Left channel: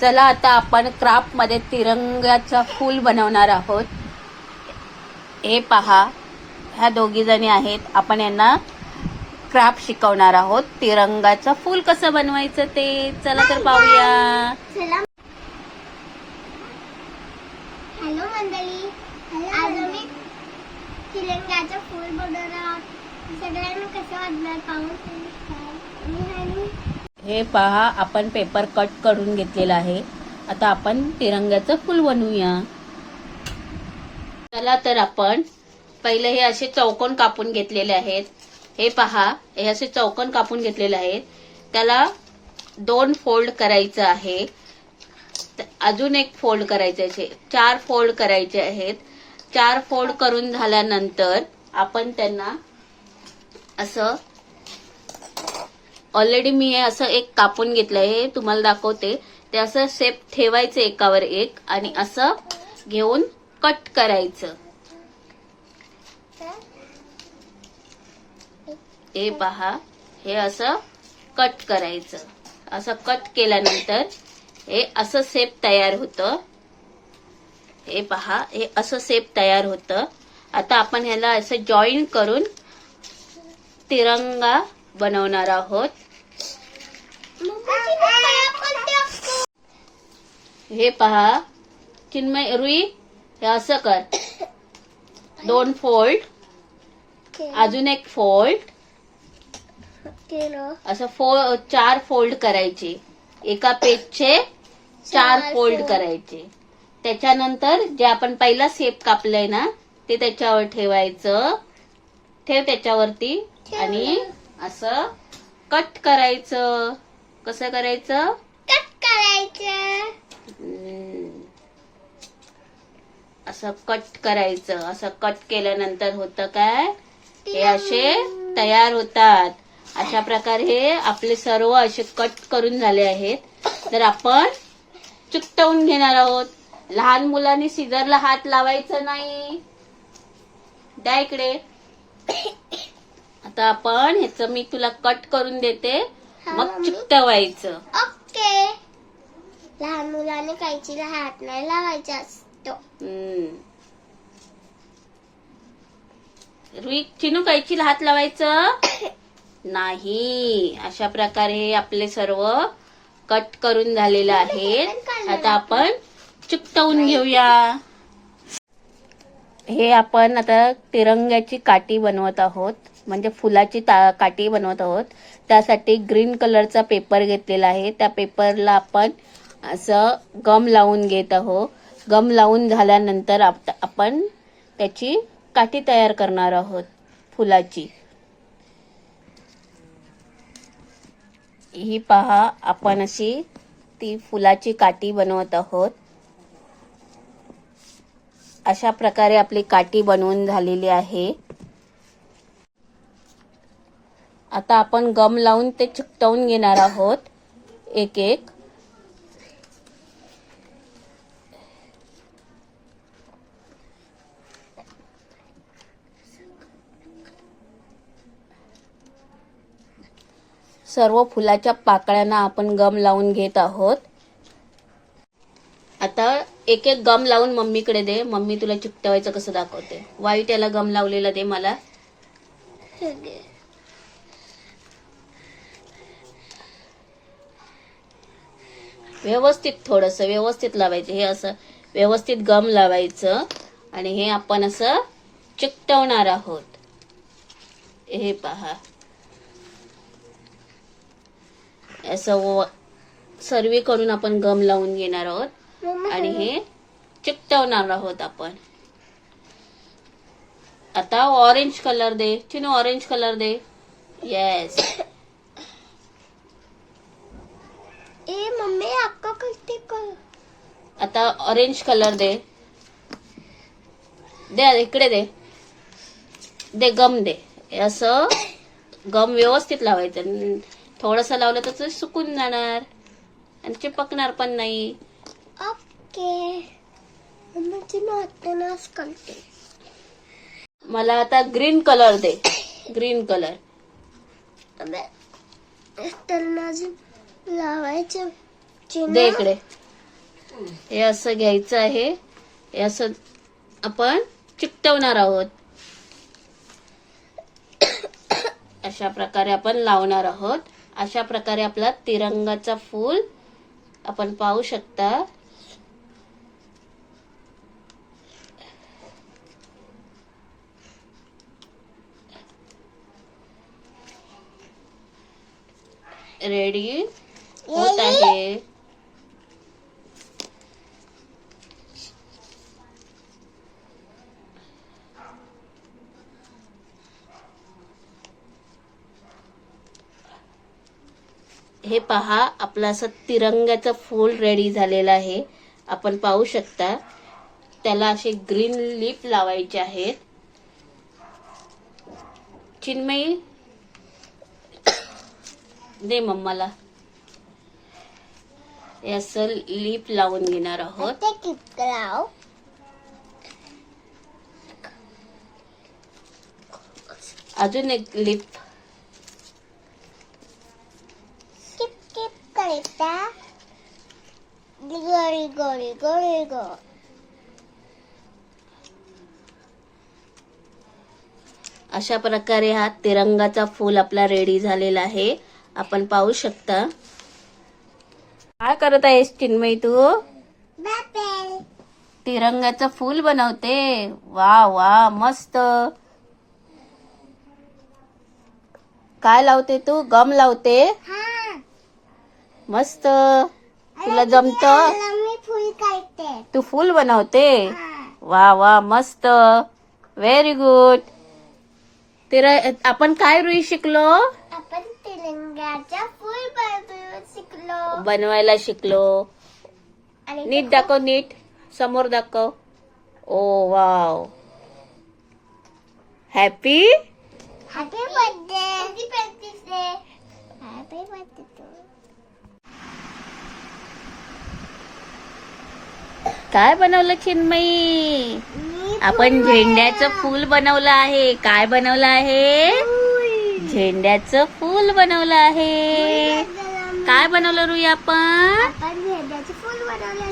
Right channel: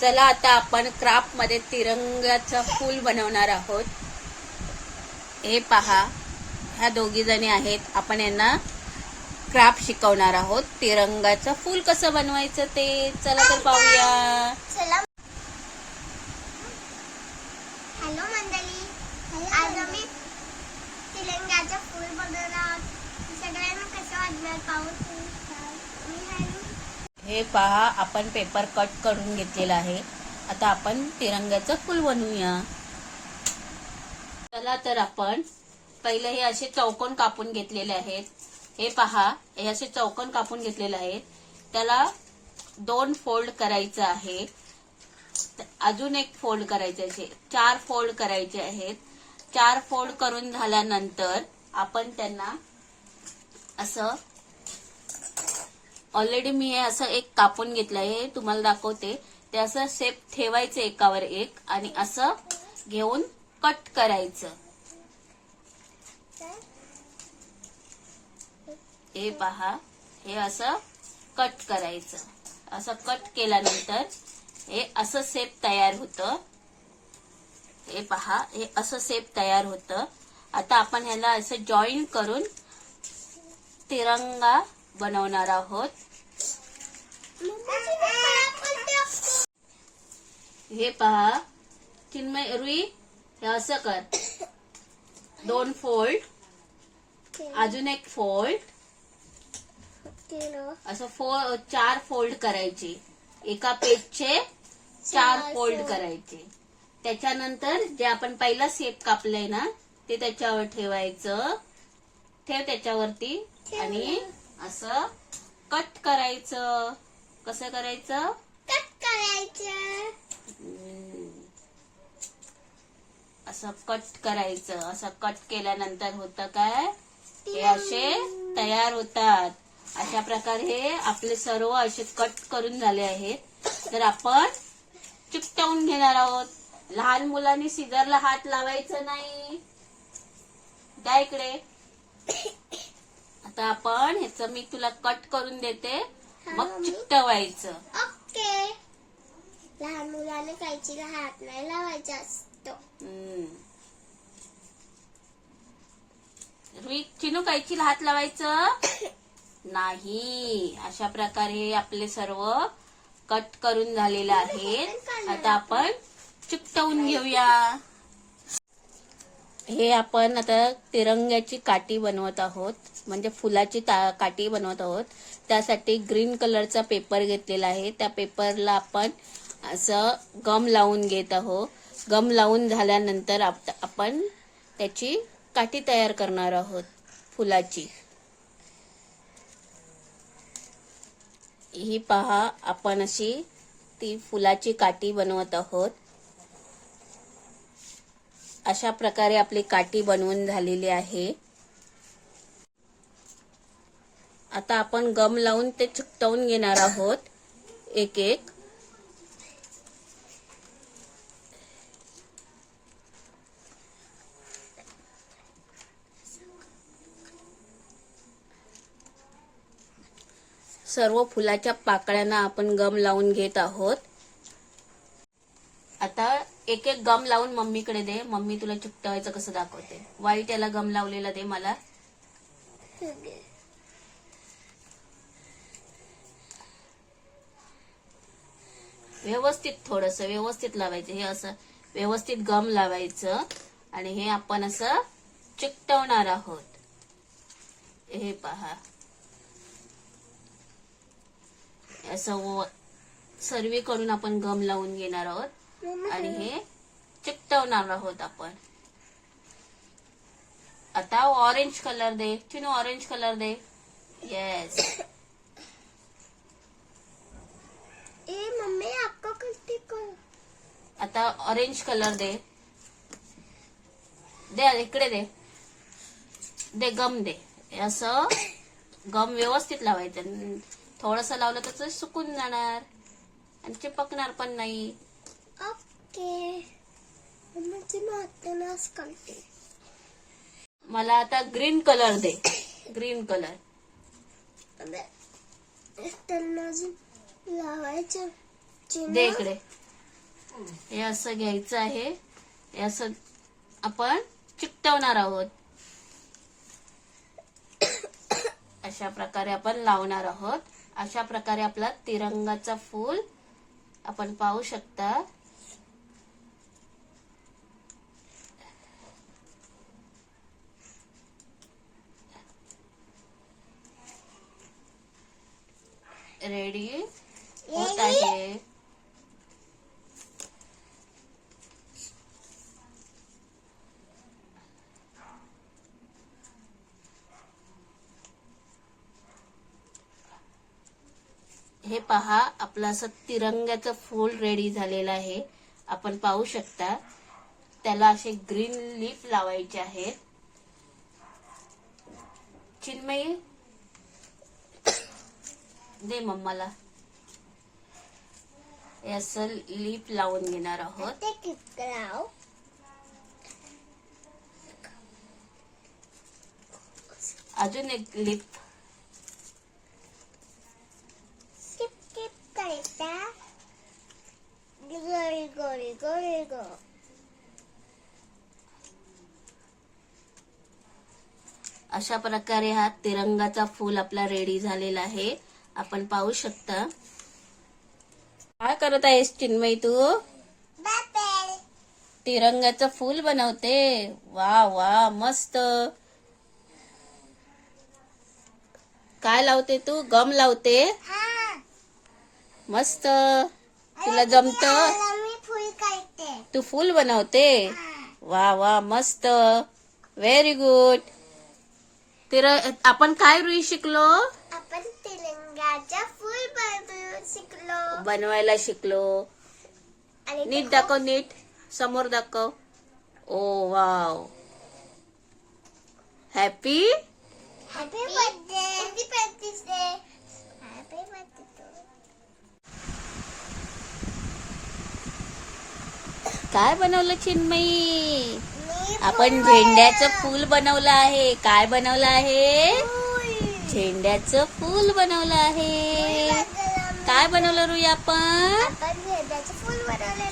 चला आता आपण क्राफ्ट मध्ये तिरंगाचा फूल बनवणार आहोत। हे पहा, ह्या दोघी जणी आहेत, आपण यांना क्राफ्ट शिकवणार आहोत। तिरंगाचं फूल कसं बनवायचं ते चला तर पाहूया। चला। हॅलो मंडळी, आज आम्ही तिरंगाचं फूल बनवणार आहोत। सगळ्यांना कसं वाटणार पाहून। हे पहा, आपण पेपर कट करून घेतलेला आहे। आता आपण तिरंगाचं फूल बनवूया। चला तर आपण पहिले हे असे चौकोन कापून घेतलेले आहेत। हे पहा, हे असे चौकोन कापून घेतलेले आहेत। त्याला 2 फोल्ड करायचं आहे, अजून एक फोल्ड करायचे आहे, 4 फोल्ड करायचे आहेत। 4 फोल्ड करून झाल्यानंतर आपण त्यांना असं, ऑलरेडी मी हे असं एक कापून घेतलंय, तुम्हाला दाखवते। ते असं शेप ठेवायचं एकावर एक आणि असं घेऊन कट करायचं। हे पहा, हे असं कट करायचं। असं कट केल्यानंतर हे असं शेप तयार होतं। हे पहा, हे असं शेप तयार होतं। आता आपण ह्याला असं जॉईन करून तिरंगा बनवणार आहोत। हे पहा चिन्मय, रुई, हे असं कर, 2 फोल्ड, अजून एक फोल्ड, असं 4 फोल्ड करायचे। एका पेजचे 4 फोल्ड करायचे। त्याच्यानंतर जे आपण पहिला शेप कापलाय ना, ते त्याच्यावर ठेवायचं। ठेव त्याच्यावरती आणि असं कट करायचं। कसं करायचं? कट करायचं। असं कट करायचं। असं कट केल्यानंतर होतं काय, हे असे तयार होतात। अशा प्रकारे हे आपले सर्व असे कट करून झाले आहेत। तर आपण चिकटवून घेणार आहोत। लहान मुलांनी सीझरला हात लावायचा नाही। द्या इकडे। आता आपण ह्याचं मी तुला कट करून देते, मग चिकटवायचं। ओके। लहान मुलाने कैचीला हात नाही लावायचा असतो। रुई, चिनू, कैचीला हात लावायचं नाही। अशा प्रकारे आपले सर्व कट करून झालेले आहेत। आता आपण चिकटवून घेऊया। हे आपण आता तिरंग्याची काठी बनवत आहोत, म्हणजे फुलाची काठी बनवत आहोत। त्यासाठी ग्रीन कलरचा पेपर घेतलेला आहे। त्या पेपरला आपण असं गम लावून घेत आहोत। गम लावून झाल्यानंतर आपण त्याची काठी तयार करणार आहोत फुलाची। ही पहा, आपण अशी ती फुलाची काठी बनवत आहोत। अशा प्रकारे आपली काठी बनवून झालेली आहे। आता आपण गम लावून ते चिकटवून घेणार आहोत एक एक। सर्व फुलाच्या पाकळ्यांना आपण गम लावून घेत आहोत। आता एक एक गम लावून मम्मीकडे दे। मम्मी तुला चिकटवायचं कसं दाखवते। व्हाईट याला गम लावलेला दे मला। व्यवस्थित, थोडंसं व्यवस्थित लावायचं। हे असं व्यवस्थित गम लावायचं आणि हे आपण असं चिकटवणार आहोत। हे पहा, असं सर्वीकडून आपण गम लावून घेणार आहोत आणि हे चिकटवणार आहोत आपण। आता ऑरेंज कलर दे चिनू, ऑरेंज कलर दे। यस। ए मम्मी, आपका करते कर। आता ऑरेंज कलर दे। दे इकडे, दे दे गम दे। असं गम व्यवस्थित लावायचं। थोडंसं लावलं तर ते सुकून जाणार आणि चिपकणार पण नाही। ओके। मम्मीची नाटनास करते। मला आता ग्रीन कलर दे। ग्रीन कलर लावायचं दे इकडे। हे असं घ्यायचं आहे. हे असं आपण चिकटवणार आहोत. अशा प्रकारे आपण लावणार आहोत. अशा प्रकारे आपला तिरंगाचा फूल आपण पाहू शकता. रेडी होत आहे. हे पहा, आपलं असं तिरंगाचं फूल रेडी झालेलं आहे. आपण पाहू शकता. त्याला असे ग्रीन लीफ लावायचे आहेत. चिन्मयी दे मम्माला. हे असं लीफ लावून घेणार आहोत. ते किपलाव. अजून एक लीफ. किप किप करता. गोळी गोळी गोळी गो. अशा प्रकारे हा तिरंगाचा फूल आपला रेडी झालेला आहे. आपण पाहू शकता. काय करत आहेस चिन्मयी तू? बापेल. तिरंगाचं फूल बनवते. वा वा मस्त. काय लावते तू? गम लावते. हा. मस्त. तुला जमत? मी फुल काढते. तू फूल बनवते. हा. वा वा मस्त. Very good. आपण काय रुई शिकलो? आपण तिरंगाचा फूल बनवायला शिकलो. आणि नीट दाखव. नीट समोर दाखव. Oh wow. Happy happy birthday. Happy birthday. Happy birthday. काय बनवलं चिन्मयी? आपण झेंड्याचं फूल बनवलं आहे. काय बनवलं आहे? झेंड्याचं फूल बनवलं आहे. काय बनवलं रुई आपण? आपण झेंड्याचे फूल बनवले.